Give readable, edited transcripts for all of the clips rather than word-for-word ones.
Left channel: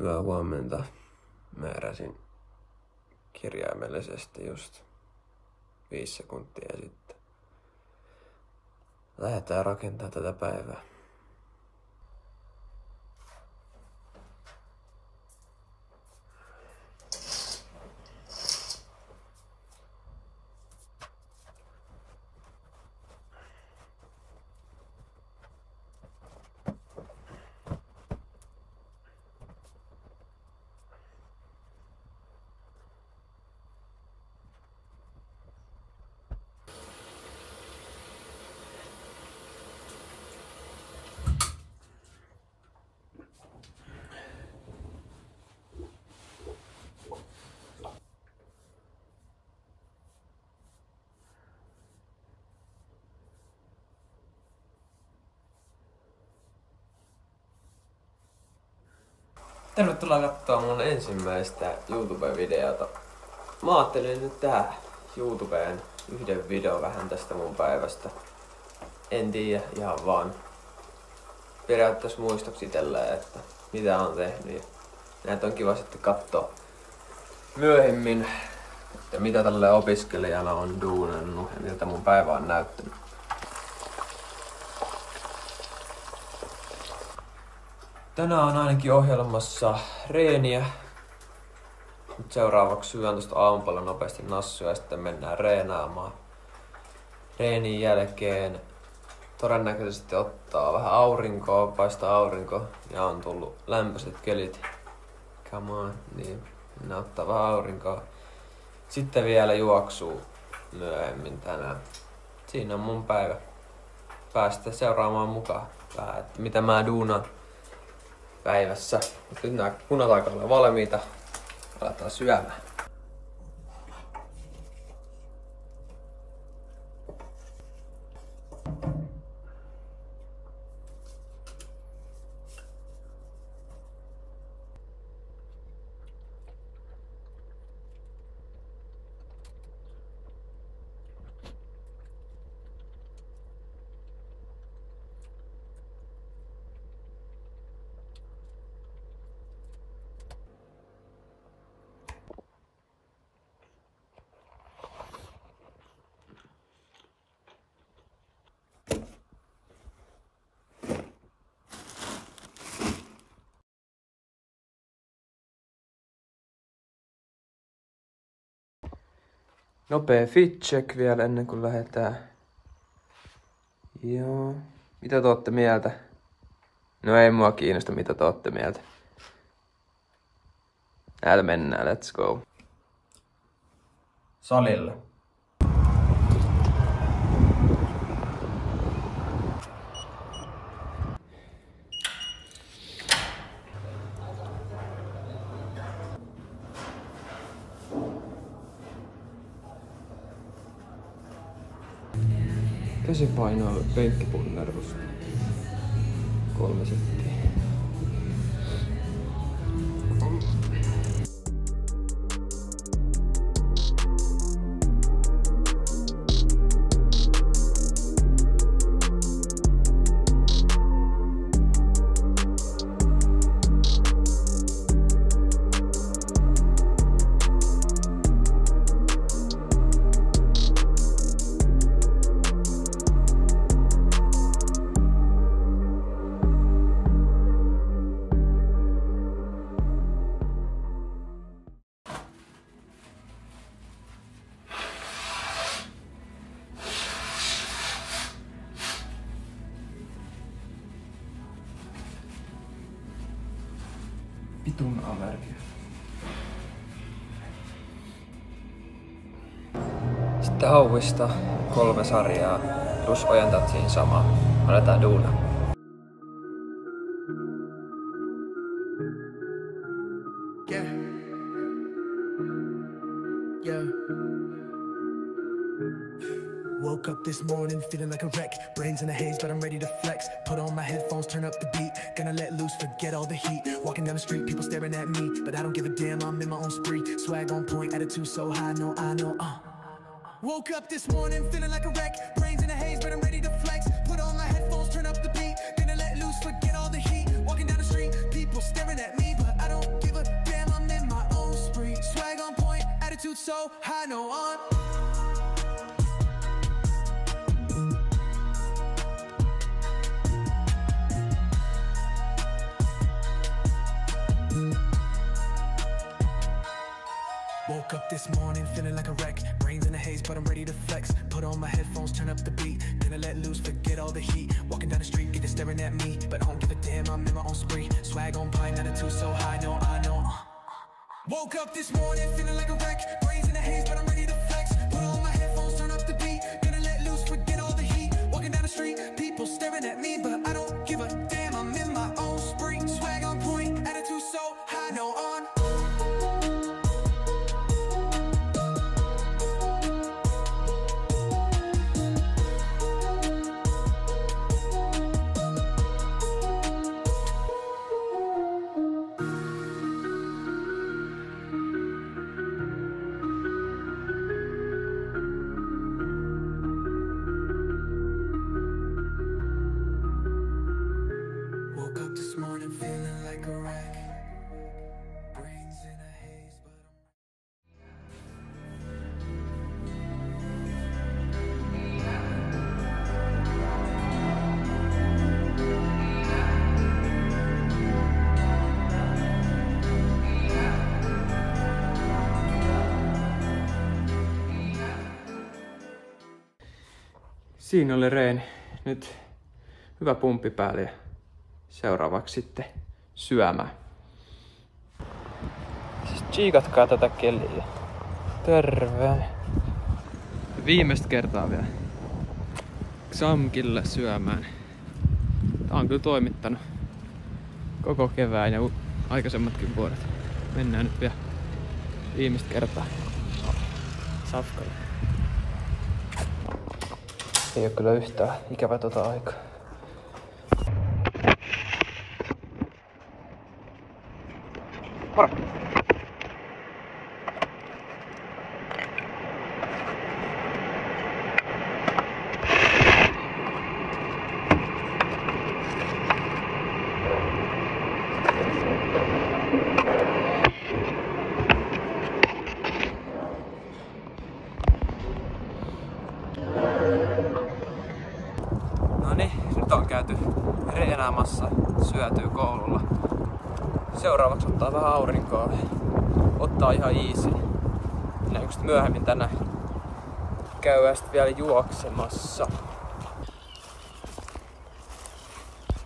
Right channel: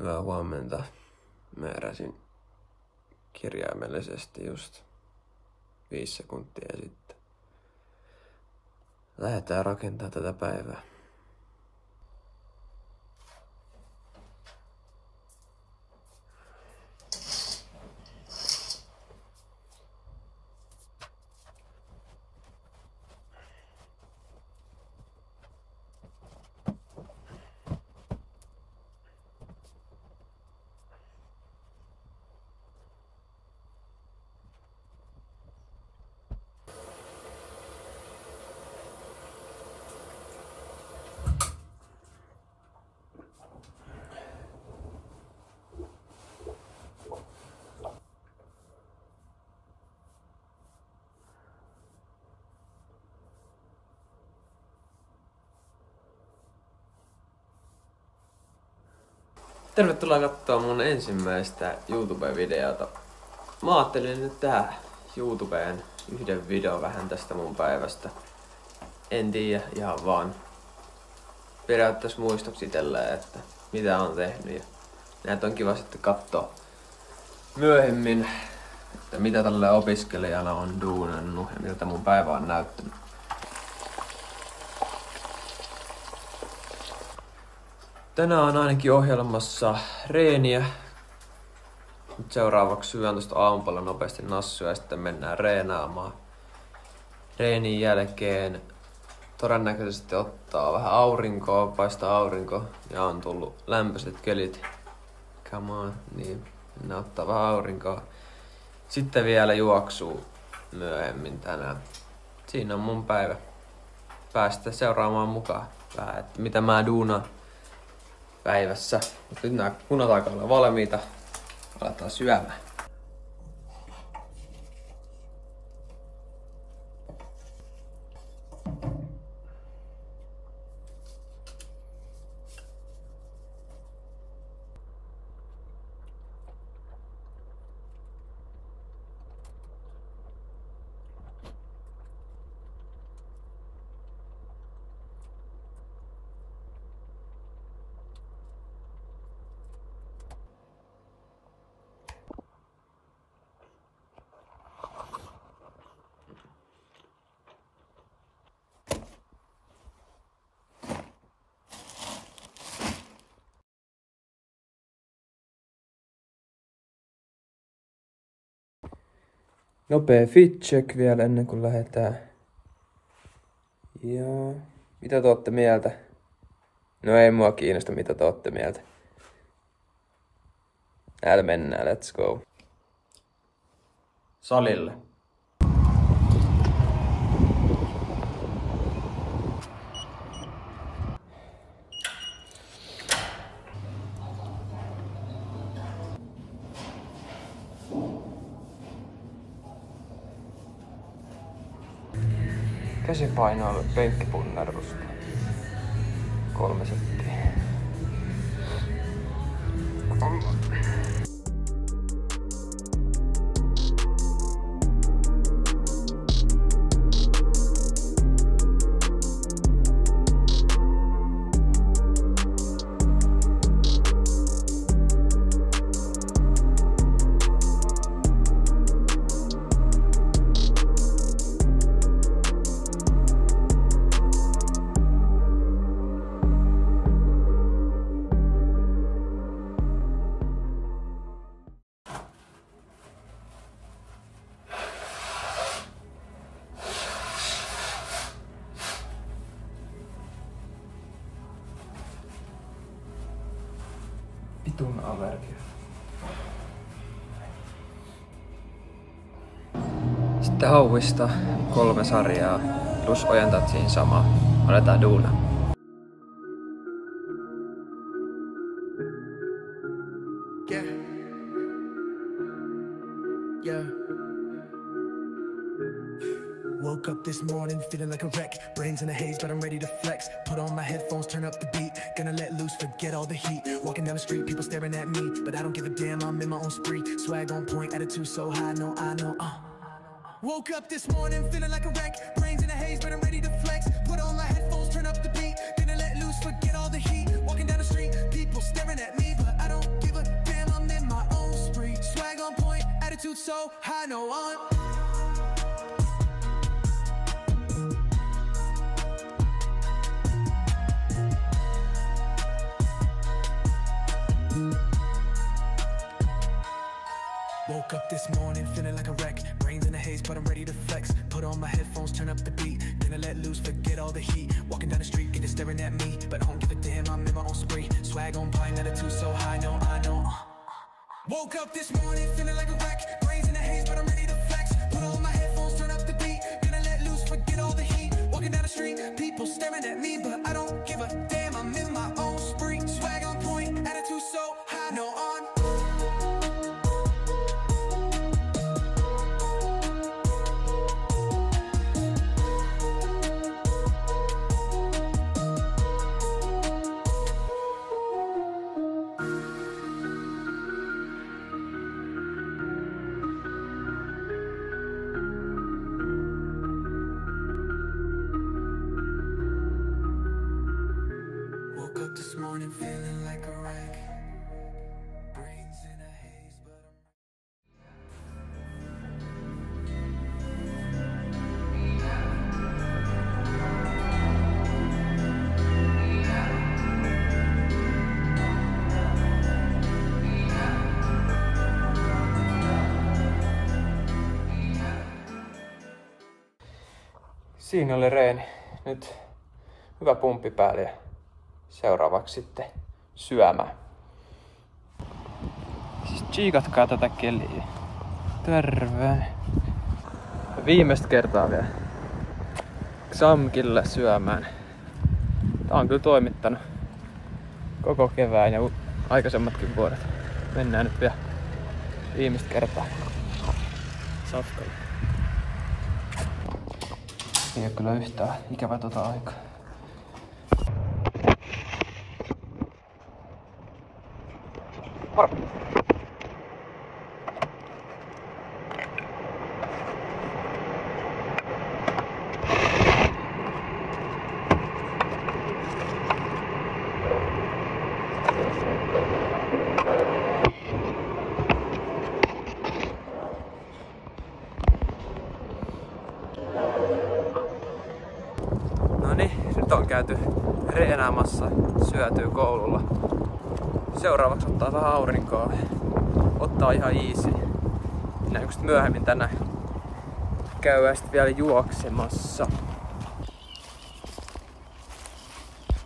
Hyvää huomenta. Mä heräsin kirjaimellisesti just 5 sekuntia sitten. Lähdetään rakentamaan tätä päivää. Tervetuloa katsomaan mun ensimmäistä YouTube-videota. Mä ajattelin nyt tehdä YouTubeen yhden videon vähän tästä mun päivästä. En tiedä, ihan vaan periaatteessa muistoksi itselleen, että mitä on tehnyt. Ja näitä on kiva sitten katsoa myöhemmin, että mitä tälle opiskelijana on duunannut ja miltä mun päivä on näyttänyt. Tänään on ainakin ohjelmassa reeniä. Nyt seuraavaksi syön tuosta aamupalla nopeasti nassuja ja sitten mennään reenaamaan. Reenin jälkeen todennäköisesti ottaa vähän aurinkoa, paistaa aurinko ja on tullut lämpöiset kelit. Come on, niin ne ottaa vähän aurinkoa. Sitten vielä juoksuu myöhemmin tänään. Siinä on mun päivä. Päästä seuraamaan mukaan vähän, että mitä mä duunaan päivässä. Nyt nämä punat alkaa olla valmiita. Aletaan syömään. Nopea fit check vielä ennen kuin lähdetään. Joo. Mitä te ootte mieltä? No ei mua kiinnosta mitä te ootte mieltä. Täällä mennään, let's go. Salille. Käsipainoilu penkkipunnerusta. 3 settiä. Vitun allergia. Sitten hauista 3 sarjaa, plus ojentat siinä samaa. Aletaan duunaa. Yeah. Yeah. Woke up this morning feeling like a wreck. Brains in a haze, but I'm ready to flex. Put on my headphones, turn up the beat. Gonna let loose, forget all the heat. Walking down the street, people staring at me, but I don't give a damn, I'm in my own spree. Swag on point, attitude so high, no, I know, Woke up this morning feeling like a wreck. Brains in a haze, but I'm ready to flex. Put on my headphones, turn up the beat. Gonna let loose, forget all the heat. Walking down the street, people staring at me, but I don't attitude so high, no on. Woke up this morning feeling like a wreck. Brains in a haze, but I'm ready to flex. Put on my headphones, turn up the beat. Gonna let loose, forget all the heat. Walking down the street, get it staring at me, but I don't give a damn, I'm in my own spree. Swag on pine, attitude so high, no, I know. Woke up this morning feeling like a wreck. Brains in a haze, but I'm ready to flex. Put on my headphones, turn up the beat. Gonna let loose, forget all the heat. Walking down the street, people staring at me, but I don't give a damn, I'm in my own spree. Swag on point, attitude so high, no on. Woke up this morning feeling like a wreck. Brains in a haze, but Siinä oli reeni. Nyt hyvä pumppi päälle ja seuraavaksi sitten syömään. Siis tsiikatkaa tätä keliä. Terve. Viimeistä kertaa vielä Xamkille syömään. Tää on kyllä toimittanut koko kevään ja aikaisemmatkin vuodet. Mennään nyt vielä viimeistä kertaa safkalle. Ei oo kyllä yhtään ikävä tota aikaa. Moro! Noniin, nyt on käyty reenaamassa, syötyy koululla. Seuraavaksi ottaa vähän aurinkoa. Ottaa ihan easy. Näkyy myöhemmin tänään käydään sitten vielä juoksemassa.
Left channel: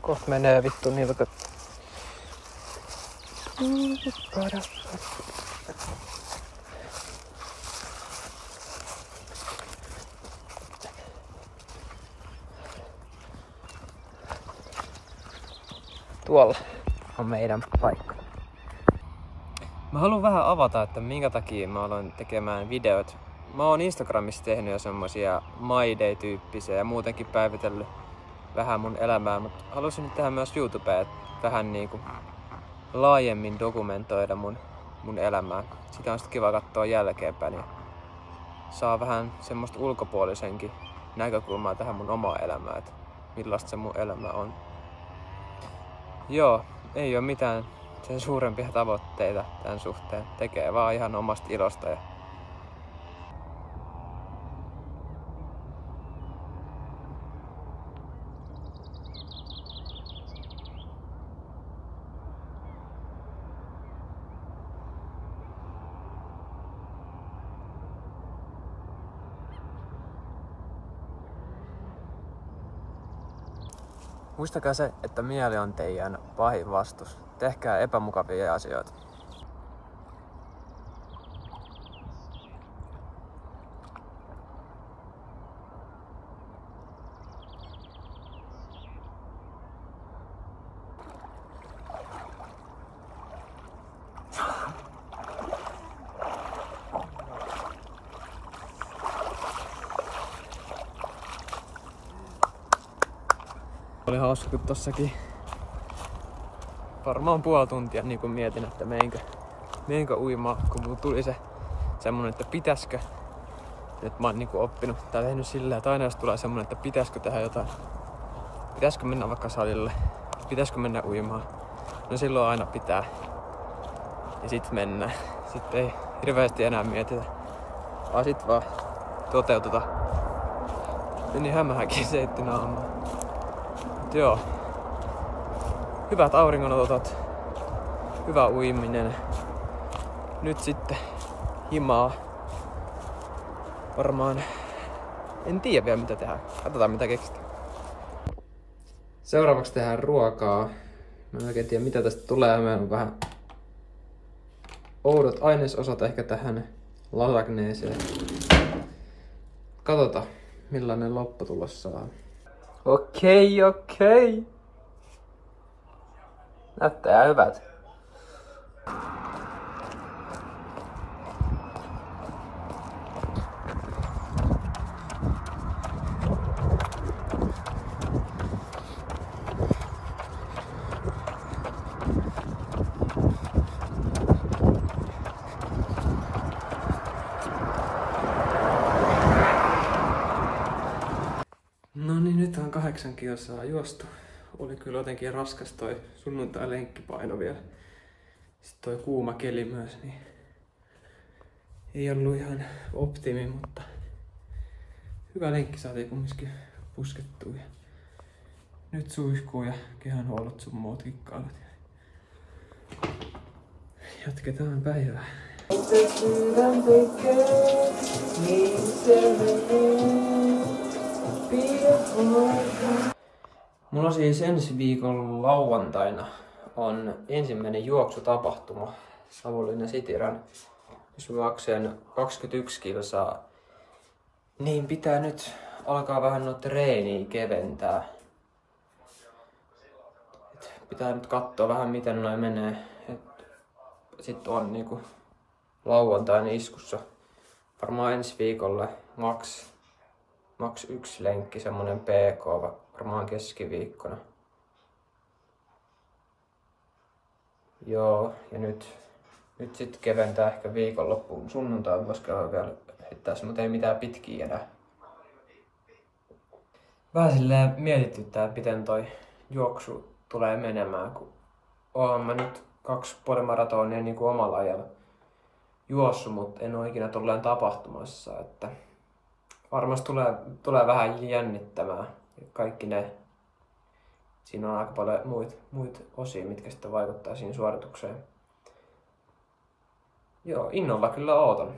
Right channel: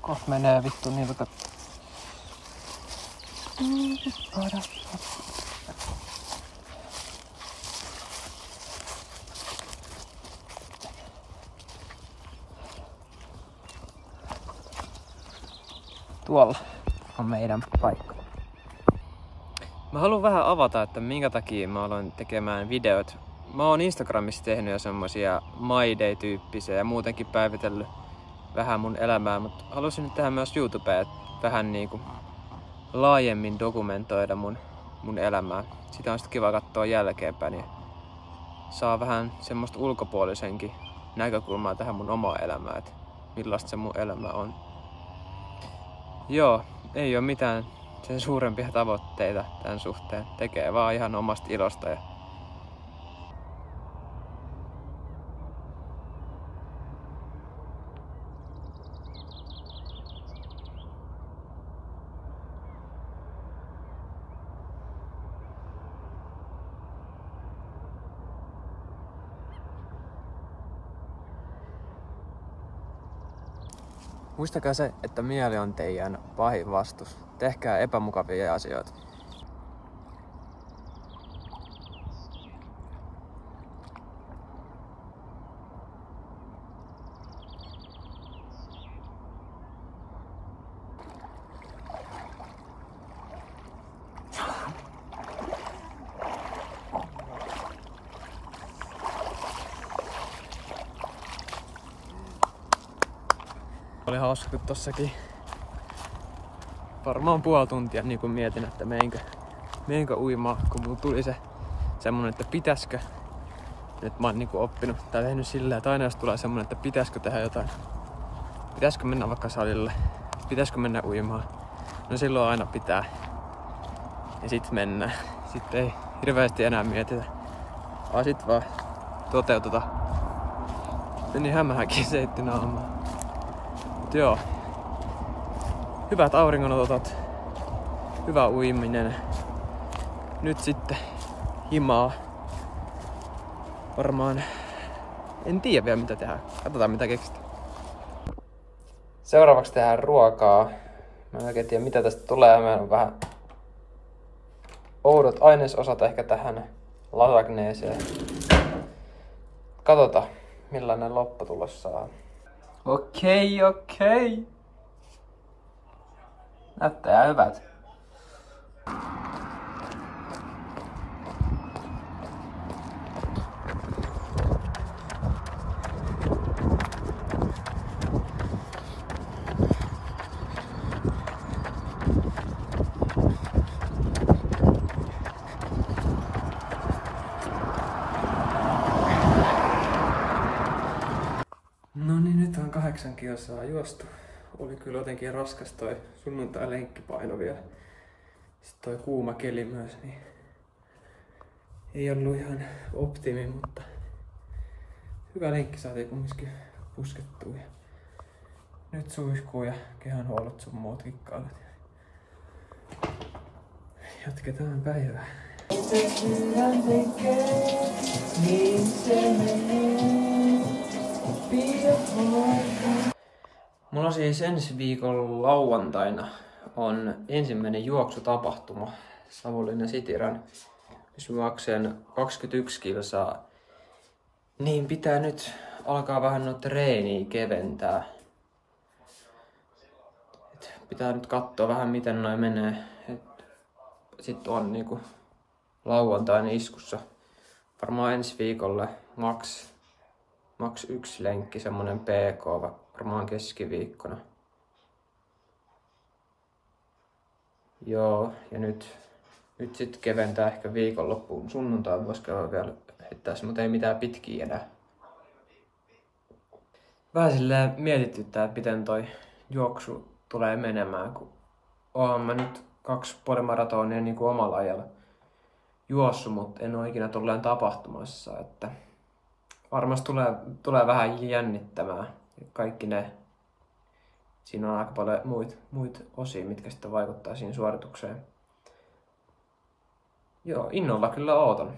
Kohta menee vittu niin, että tuolla on meidän paikka. Mä haluan vähän avata, että minkä takia mä aloin tekemään videot. Mä oon Instagramissa tehnyt jo semmosia My Day-tyyppisiä ja muutenkin päivitellyt vähän mun elämää, mutta halusin nyt tehdä myös YouTubeen, vähän niinku laajemmin dokumentoida mun elämää. Sitä on sitten kiva katsoa jälkeenpäin, niin saa vähän semmoista ulkopuolisenkin näkökulmaa tähän mun omaan elämään, että millaista se mun elämä on. Joo, ei oo mitään sen suurempia tavoitteita tämän suhteen. Tekee vaan ihan omasta ilosta. Muistakaa se, että mieli on teidän pahin vastus. Tehkää epämukavia asioita. Oli hauska, kun tossakin varmaan puoli tuntia niin kun mietin, että meinkö uimaan, kun mulla tuli se semmonen, että pitäisikö. Nyt mä oon niin oppinut tai tehnyt silleen, että aina jos tulee semmonen, että pitäisikö tehdä jotain. Pitäisikö mennä vaikka salille? Pitäisikö mennä uimaan? No silloin aina pitää. Ja sit mennään. sitten ei hirveästi enää mietitä. Vaan sit vaan toteuteta. Meni hämähäkin seitti naamaa. Joo. Hyvät auringonotot. Hyvä uiminen. Nyt sitten himaa. Varmaan en tiedä vielä mitä tehdään. Katsotaan mitä keksitään. Seuraavaksi tehdään ruokaa. Mä en oikein tiedä mitä tästä tulee. Meillä on vähän oudot ainesosat ehkä tähän lasagneeseen. Katsotaan millainen lopputulos saa. Okei. Näyttää hyvältä. No niin, nyt on 8 kilsaa juostu. Oli kyllä jotenkin raskas toi sunnuntai lenkkipaino vielä. Sitten toi kuuma keli myös, niin ei ollut ihan optimi, mutta hyvä lenkki saatiin kumminkin puskettua. Nyt suihkuu ja kehonhuollot sun muut kikkailut. Jatketaan päivää. Mulla siis ensi viikon lauantaina on ensimmäinen juoksutapahtuma Savonlinnan Cityrun, jos mä juoksen 21 kilsaa. Niin pitää nyt alkaa vähän noita treeniä keventää. Pitää nyt katsoa vähän miten noi menee. Sitten on niinku lauantaina iskussa. Varmaan ensi viikolle maks 1 lenkki, semmonen PK, varmaan keskiviikkona. Joo, ja nyt sit keventää ehkä viikonloppuun. Sunnuntaan vois käydä vielä heittää, mutta ei mitään pitkiä enää. Vähän silleen mietityttää, että miten toi juoksu tulee menemään, kun oon mä nyt 2 puolimaratonia niin kuin omalla ajalla juossut, mutta en ole ikinä tolleen tapahtumassa, että varmasti tulee vähän jännittämään. Kaikki ne. Siinä on aika paljon muita osia, mitkä sitten vaikuttaa siihen suoritukseen. Joo, innolla kyllä ootan.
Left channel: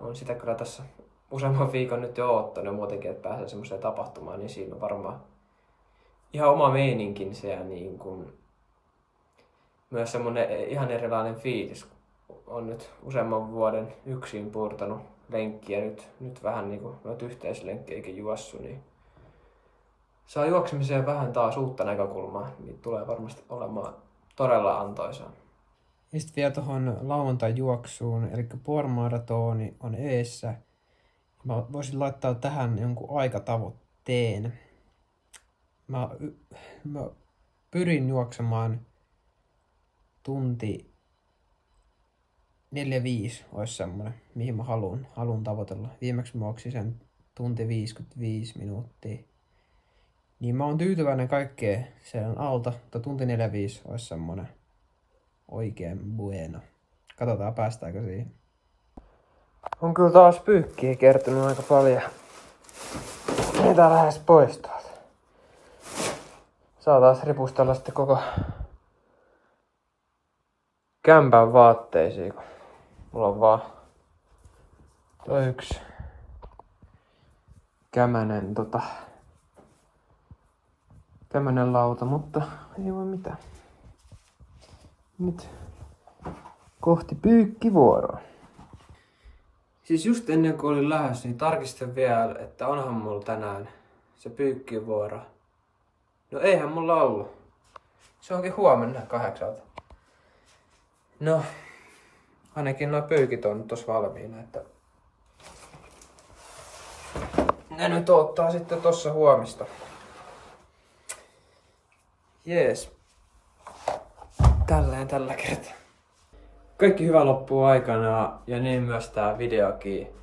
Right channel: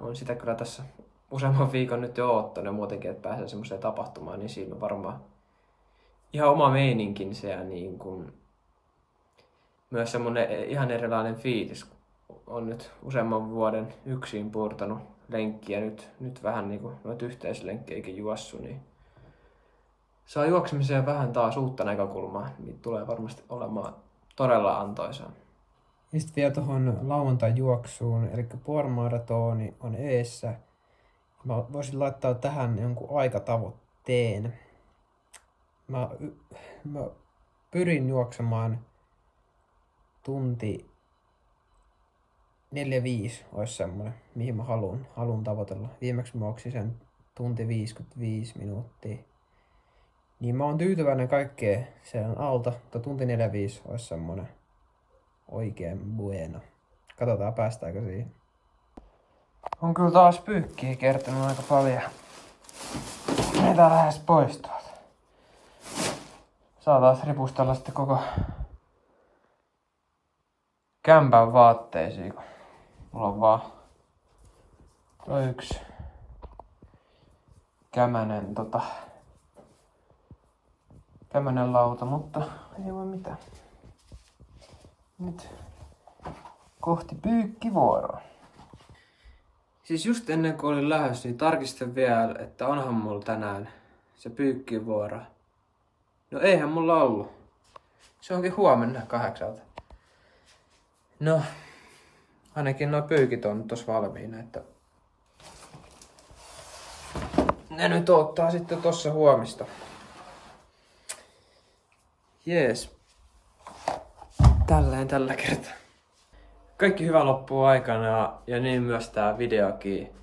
Olen sitä kyllä tässä useamman viikon nyt jo oottanut muutenkin, että pääsee semmoiseen tapahtumaan, niin siinä on varmaan ihan oma meininkinsä ja niin kuin myös semmoinen ihan erilainen fiilis. On nyt useamman vuoden yksin puurtanut lenkkiä, nyt vähän niin kuin noita yhteislenkkejäkin juossut, niin saa juoksemiseen vähän taas uutta näkökulmaa, niin tulee varmasti olemaan todella antoisaa. Ja sitten vielä tuohon lauantai-juoksuun, eli puolimaratoni on eessä. Mä voisin laittaa tähän jonkun aikatavoitteen. Mä pyrin juoksemaan tunti 4:05 olisi semmoinen, mihin mä haluan tavoitella. Viimeksi mä juoksin sen tunti 55 minuuttia. Niin mä oon tyytyväinen kaikkeen sen alta, mutta tunti 4:05 olisi semmoinen oikein bueno. Katsotaan päästäänkö siihen. On kyllä taas pyykkiä kertynyt aika paljon. Ei tää lähes poistua. Saa taas ripustella sitten koko kämpän vaatteisiin. Mulla on vaan tuo yksi kämänen lauta, mutta ei voi mitään. Nyt kohti pyykkivuoroa. Siis just ennen kuin olin lähdössä, niin tarkistin vielä, että onhan mulla tänään se pyykkivuoro. No eihän mulla ollut. Se onkin huomenna 8. No, ainakin nuo pyykit on tossa valmiina, että ne nyt ottaa sitten tossa huomista. Jees. Tällä kertaa. Kaikki hyvä loppuu aikana ja niin myös tää videokin.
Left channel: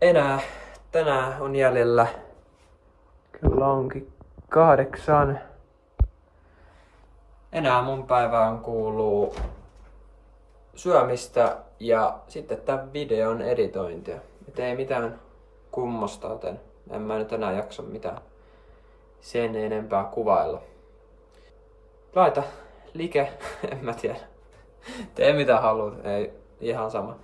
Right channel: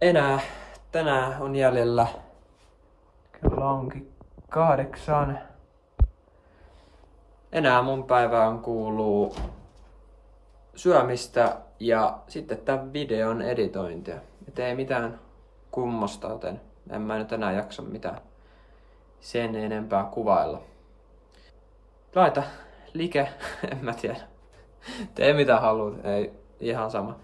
Enää tänään on jäljellä. Kyllä onkin 8. Enää mun päivään kuuluu syömistä ja sitten tämän videon editointia. Et ei mitään kummosta, joten en mä nyt enää jaksa mitään sen enempää kuvailla. Laita like, en mä tiedä. Tee mitä haluat, ei ihan sama.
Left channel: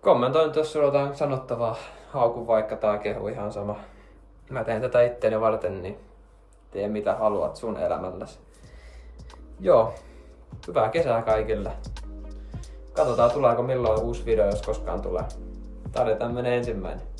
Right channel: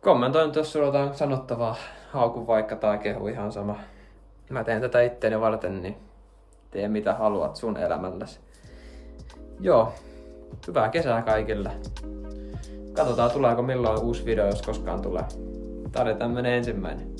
Kommentoi nyt, jos sulla on jotain sanottavaa, hauku vaikka tai kehu, ihan sama. Mä teen tätä itteeni varten, niin tee mitä haluat sun elämälläsi. Joo, hyvää kesää kaikille. Katsotaan tuleeko milloin uusi video, jos koskaan tulee. Tää oli tämmönen ensimmäinen.